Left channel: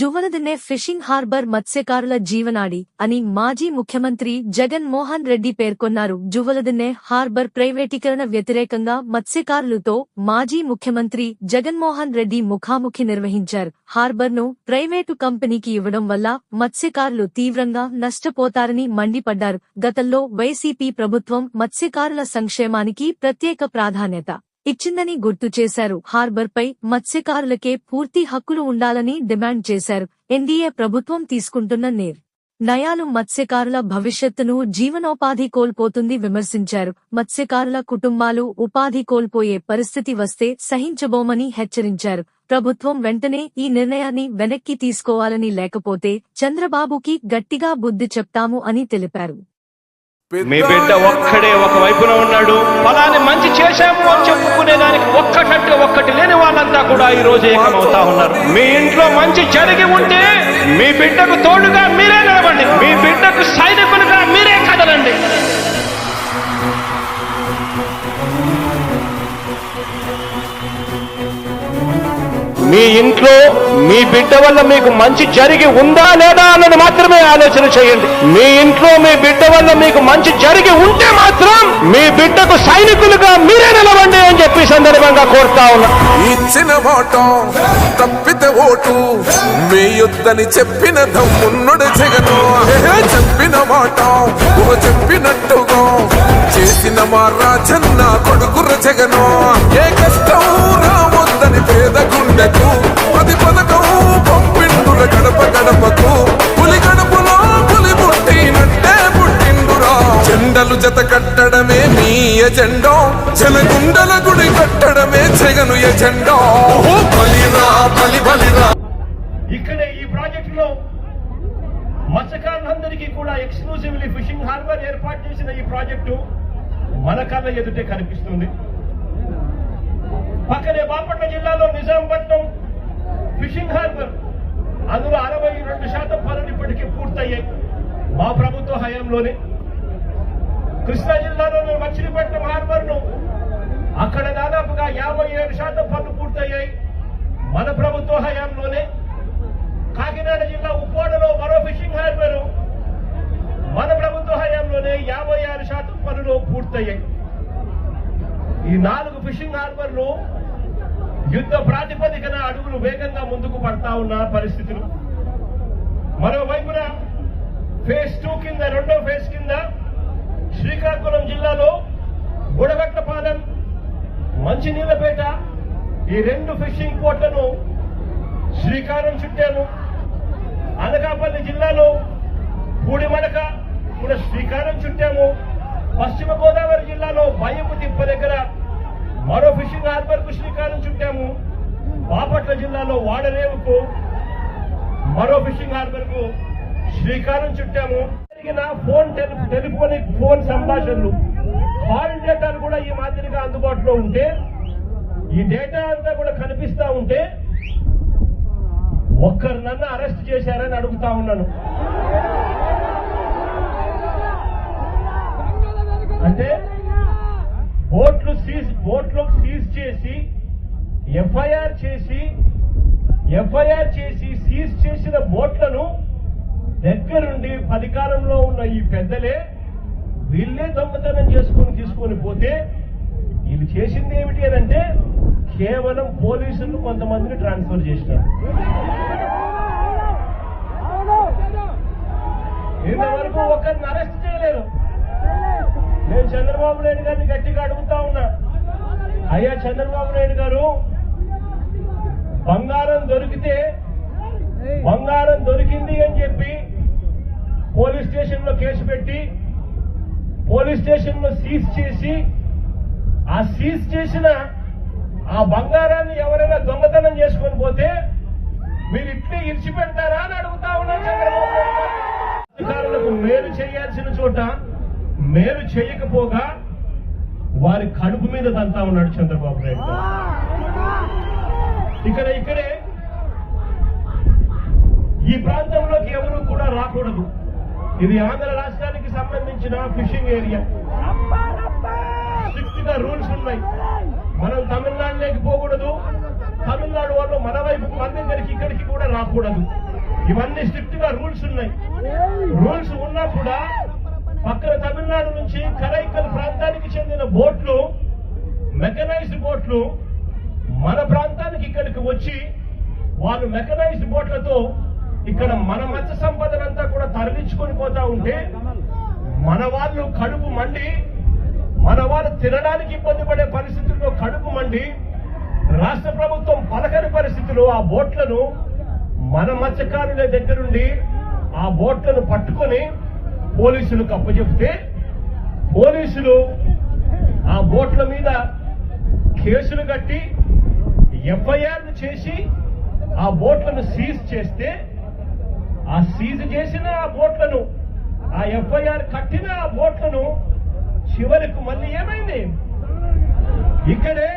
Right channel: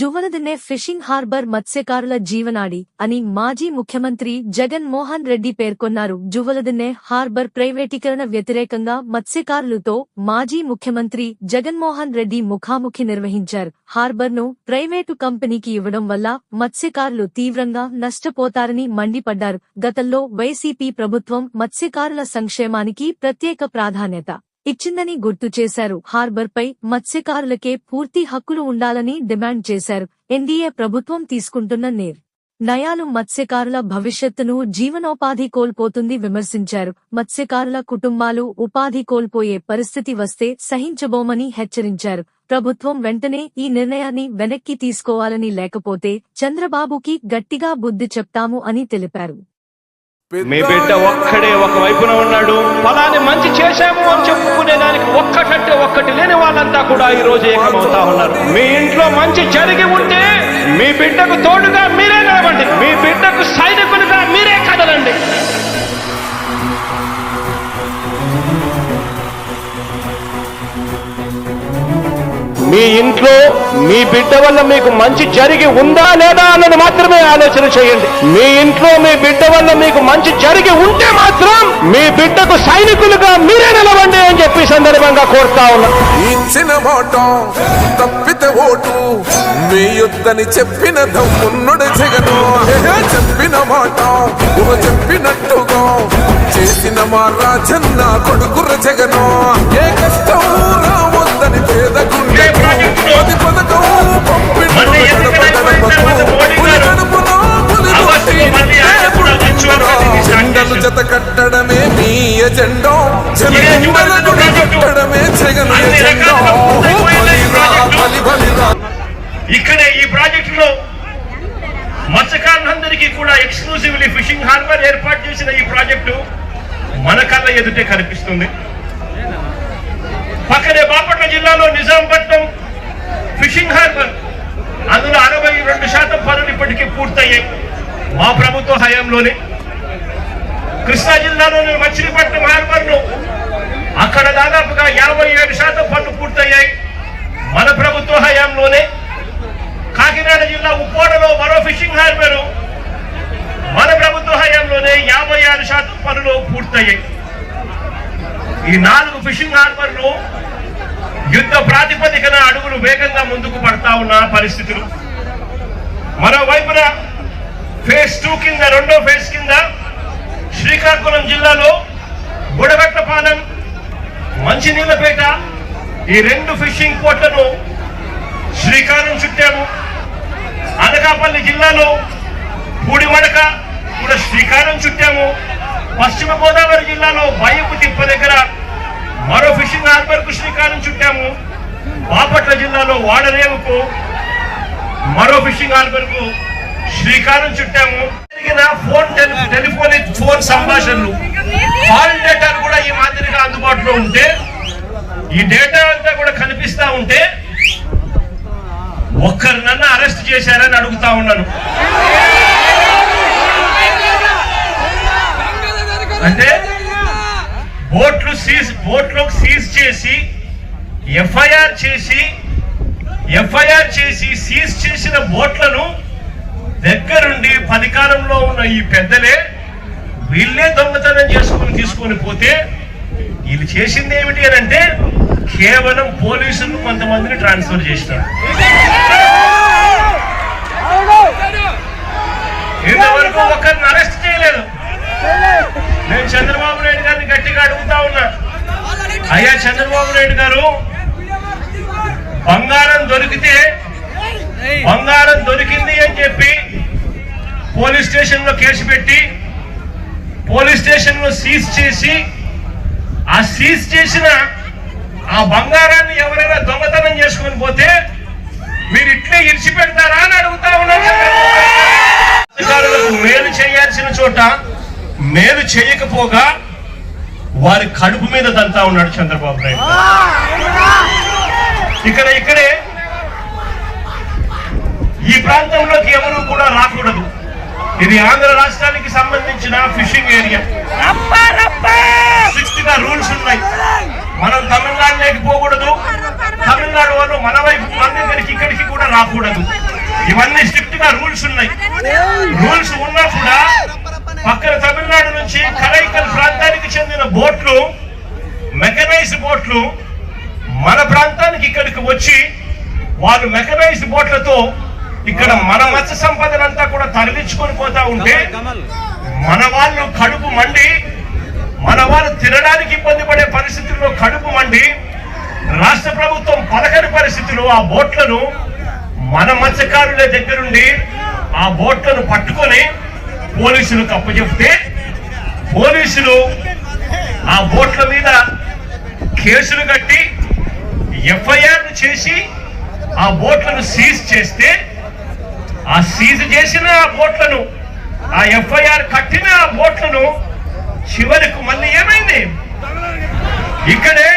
Juvvaladinne fishing harbour మత్స్యకారుల జీవనాడి అని మాజీ ముఖ్యమంత్రి జగన్ మోహన్ రెడ్డి పేర్కొన్నారు. జువలదిన్నె హార్బర్ ప్రైవేటీకరణ వ్యతిరేకంగా మత్స్యకారులతో మాజీ ముఖ్యమంత్రి జగన్మోహన్ రెడ్డి ముఖాముఖి నిర్వహించారు. హార్బర్ను ప్రైవేటు కంపెనీకి ఇవ్వడం వల్ల మత్స్యకారులు తీవ్రంగా నష్టపోతారని మండిపడ్డారు. గతంలో వైసీపీ ప్రభుత్వం మత్స్యకారుల సంక్షేమానికి ప్రత్యేక ప్రాధాన్యత ఇచ్చిందని గుర్తు చేశారు. హార్బర్పై మత్స్యకారులకే పూర్తి హక్కులు ఉండాలని డిమాండ్ చేశారు. ఎన్డీఏ ప్రభుత్వం తీసుకుంటున్న నిర్ణయాలు మత్స్యకారుల భవిష్యత్తును, జీవనోపాధి కోల్పోతుంది విమర్శించారు. మత్స్యకారుల కుటుంబాలు ఉపాధి కోల్పోయే పరిస్థితి వస్తే సహించబోమని హెచ్చరించారు. ప్రభుత్వం వెంటనే ఈ నిర్ణయాన్ని వెనక్కి తీసుకోవాలని, లేకపోతే చంద్రబాబుకి గట్టిగా బుద్ధి చెప్తాము అని తెలిపారు. మీ బిడ్డ ఒక్కడే ఒక వైపున ఉన్నాడు. ఫలాన్ని మంచి చేశాము అని చెప్పుకునేదానికి ఒక్కటంటే ఒక్కటి లేని వాళ్ళంతా కూడా ఈ రోజు ఏకమవుతా ఉన్నారు. మీ ఇంట్లో మంచి జరిగి ఉంటే మీ బిడ్డకు తోడుగా మీరే నిలవండి. మీ బిడ్డకు సైనికులుగా మీరే కదలండి. మీ ఇంట్లో మీ బిడ్డ వల్ల మీకు మంచి జరిగి ఉందా లేదా అన్నది మాత్రమే ఆలోచన చేయండి. మీ ఇంట్లో మీ బిడ్డ వల్ల మీకు మంచి జరిగి ఉంటే మాత్రం మీ బిడ్డకు సైనికులుగా మీరే నిలవండి అని చెప్పి సందర్భంగా కోరుతా ఉన్నా. ఇచ్చిన మాట తప్పితే ఓటు వేయొద్దని చెప్పిన దమ్మున్నడు జగను. చెప్పిన మాట చెప్పినట్టుగా చేసిన మా రాజన్న కొడుకుర జగను. ఏ కష్టం రావద్దని పేద గుండెకు పది పథకం పంపిండు గడప గడపకు. పులి గడపలో పులి పుట్టినట్టే పుట్టిండురా. జెండలు జత కట్టడమే మీ ఎజెండా, జనగుండల గుడి కట్టడమే జగను ఎజెండా. బలిరా బలి బలిరా. ఇక్కడే ఈ ప్రాజెక్టులో మత్స్యకారులందరికీ కూడా ఎక్స్క్లూజివ్లీ ఫిషింగ్ హార్బర్ ఏర్పాటు చేసిన ఈ ప్రాజెక్టు మన కళ్ళ ఎదుటే కనిపిస్తుంది. పక్కనే బాపట్ల జిల్లాలో నిజాంపట్నం ఫిషింగ్ హార్బర్, అందులో 62% పనులు ఇప్పటికీ పూర్తయ్యాయి మా ప్రభుత్వ హయాంలోనే. కృష్ణా జిల్లాలోని మచిలీపట్నం హార్బర్ ను అక్కడ దాదాపుగా 57% పనులు పూర్తయ్యాయి మన ప్రభుత్వ హయాంలోనే. కాకినాడ జిల్లా ఉప్పోడలో మరో ఫిషింగ్ హార్బర్ మన ప్రభుత్వ హయాంలోనే 56% పనులు పూర్తయ్యాయి. ఈ 4 ఫిషింగ్ హార్బర్లు యుద్ధ ప్రాతిపదికన అడుగులు వేగంగా ముందుకు పడతా ఉన్న పరిస్థితులు. మరోవైపున ఫేజ్ 2 కింద, రెండో ఫేజ్ కింద శ్రీకాకుళం జిల్లాలో బుడగట్టపాలెం, మంచినీళ్ళపేట ఈ 2 ఫిషింగ్ పోర్ట్లను శ్రీకారం చుట్టాము. అనకాపల్లి జిల్లాలో పూడిమడక కూడా శ్రీకారం చుట్టాము. పశ్చిమ గోదావరి జిల్లాలో బయ్యపు తిప్ప దగ్గర మరో ఫిషింగ్ హార్బర్ కు శ్రీకారం చుట్టాము. బాపట్ల జిల్లాలో వాడరేవుకు మరో ఫిషింగ్ హార్బర్ కు శ్రీకారం చుట్టాము. టెలిఫోనిక్ ఫోన్ సంభాషణలు, కాల్ డేటాలు కూడా ఈ మాదిరిగా అందుబాటులో ఉంటే, ఈ డేటా అంతా కూడా కనిపిస్తా ఉంటే ఒక్కరినన్నా అరెస్ట్ చేశారని అడుగుతా ఉన్నాను. అంటే బోట్లోకి సీజ్ చేసి ఎఫ్ఐఆర్ చేసి సీజ్ చేసిన బోట్లను దగ్గరుండి అధికారంలో ఉన్న ఈ పెద్దలే వీళ్ళే దొంగతనం తీసుకొని పోతే వీళ్ళు చేసింది ఏమిటి అని అంటే కేవలం పోలీసులు కొంతమందిని ట్రాన్స్ఫర్ చేసినారు. ఇంతవరకు ఒకరిని అరెస్ట్ చేయలేదు. నేను చంద్రబాబు నాయుడు గారిని గట్టిగా అడుగుతా ఉన్నా, అయ్యా చంద్రబాబు నాయుడు గారు, బంగారం దొరికింది అని చెప్పి పోలీస్ స్టేషన్ లో కేసు పెట్టి పోలీస్ స్టేషన్ లో సీజ్ చేసి ఆ సీజ్ చేసిన ఆ బంగారాన్ని ఎవరైనా దొంగతనం చేసుకొని పోతే మీరు ఇట్లే ఇడిచిపెడతారా అని అడుగుతా ఉన్నారు. అధికారులకు మేలు చేయాల్సిన చోట మేలు చేయకపోగా వారి కడుపు మీద దంతా ఉన్నాడు చంద్రబాబు నాయుడు. ఇక్కడే ఈ ప్రాంతంలోకి ఎవరు కూడా రాకూడదు. ఇది ఆంధ్ర రాష్ట్రానికి సంబంధించిన ఫిషింగ్ ఏరియా. 60గా రూల్స్ ఉన్నాయి. మనం తమిళనాడు లేకపోకూడదు, తమిళనాడు వాళ్ళు మన వైపు మన దగ్గరికి ఇక్కడికి కూడా రాకూడదు. బోట్లు మన ప్రాంతానికి ఇక్కడికి వచ్చి వాళ్ళు మెకనైజ్డ్ బోట్లతో ఇక్కడ మన మత్స్య సంపదనంతా కూడా తరలించుకొని పోతా ఉంటే మన వాళ్ళు కడుపు మండి, మన వాళ్ళు తినడానికి ఇబ్బంది పడే పరిస్థితుల్లో కడుపు మండి రాష్ట్ర ప్రభుత్వం పలకని పరిస్థితుల్లో ఆ బోట్లను మన మత్స్యకారుల దగ్గరుండి ఆ బోట్లను పట్టుకొని పోలీసులకు అప్పచెప్తే పోలీసులు ఆ బోట్ల మీద కేసులు కట్టి ఎఫ్ఐఆర్ చేసి ఆ బోట్లను సీజ్ చేస్తే ఆ సీజ్ చేసిన ఆ బోట్లను, ఆ ఎఫ్ఐఆర్ కట్టిన ఆ బోట్లను చివరికి మళ్ళీ ఏమైంది? ఇక్కడే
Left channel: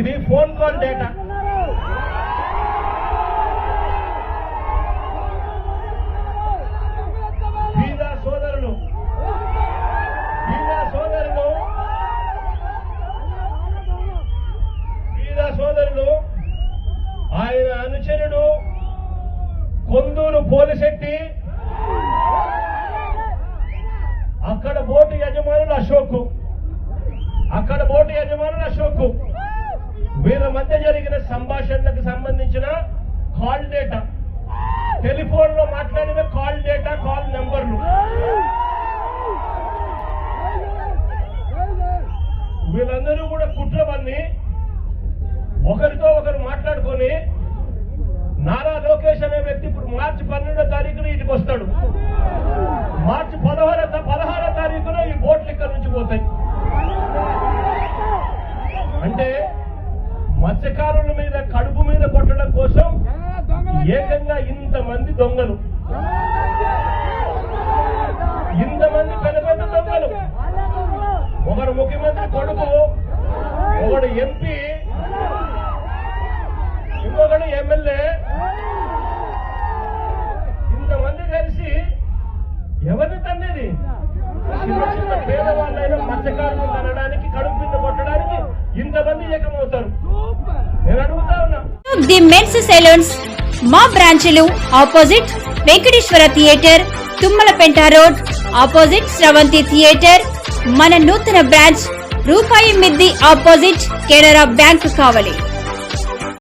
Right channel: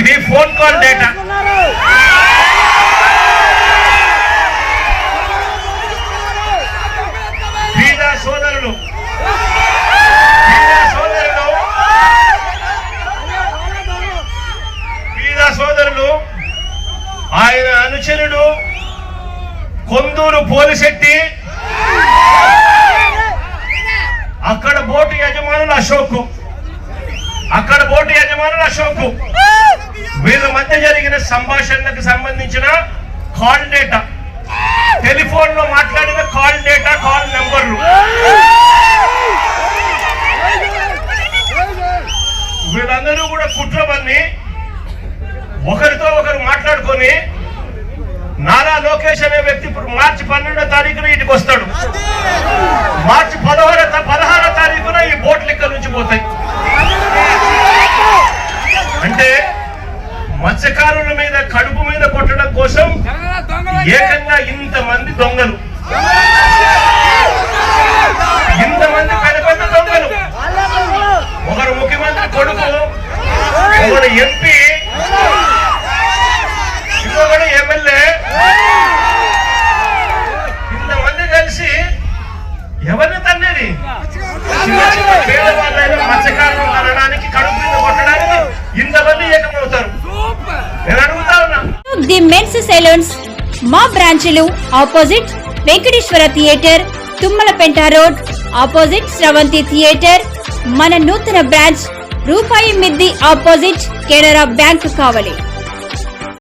ఇది ఫోన్ కాల్ డేటా. సోదరులు ఆయన అనుచరుడు కొందూరు పోలిశెట్టి, అక్కడ బోటు యజమానులు అశోక్, వీళ్ళ మధ్య జరిగిన సంభాషణలకు సంబంధించిన కాల్ డేటా, టెలిఫోన్ లో మాట్లాడిన కాల్ డేటా, కాల్ నెంబర్లు వీళ్ళందరూ కూడా కుట్రమని ఒకరితో ఒకరు మాట్లాడుకొని నారా లోకేష్ అనే వ్యక్తి ఇప్పుడు మార్చి 12వ తారీఖున ఇంటికి వస్తాడు. మార్చి 16వ తారీఖున ఈ బోట్లు ఇక్కడ నుంచి పోతాయి. అంటే మత్స్యకారుల మీద కడుపు మీద కొట్టడం కోసం ఏకంగా ఇంతమంది దొంగలు, ఇంతమంది పెద్ద దొంగలు, ఒకరు ముఖ్యమంత్రి కొడుకు, ఒకరు ఎంపీ, ఇంకొకడు ఎమ్మెల్యే, ఇంతమంది కలిసి ఎవరిని తన్నేది? చిన్న చిన్న పేదవాళ్ళైనా మత్స్యకారులు అనడానికి, కడుపు మీద కొట్టడానికి ఇంతమంది ఏకమవుతారు. నేను అడుగుతా ఉన్నా. ది మెన్స్ సెలూన్స్ మా బ్రాంచ్లు opposite Venkateswara theatre, Tummalapenta road, opposite Sravanthi theatre. మన నూతన బ్రాంచ్ రూపాయి మిద్ది ఆపోజిట్ కెనరా బ్యాంక్ కావలి.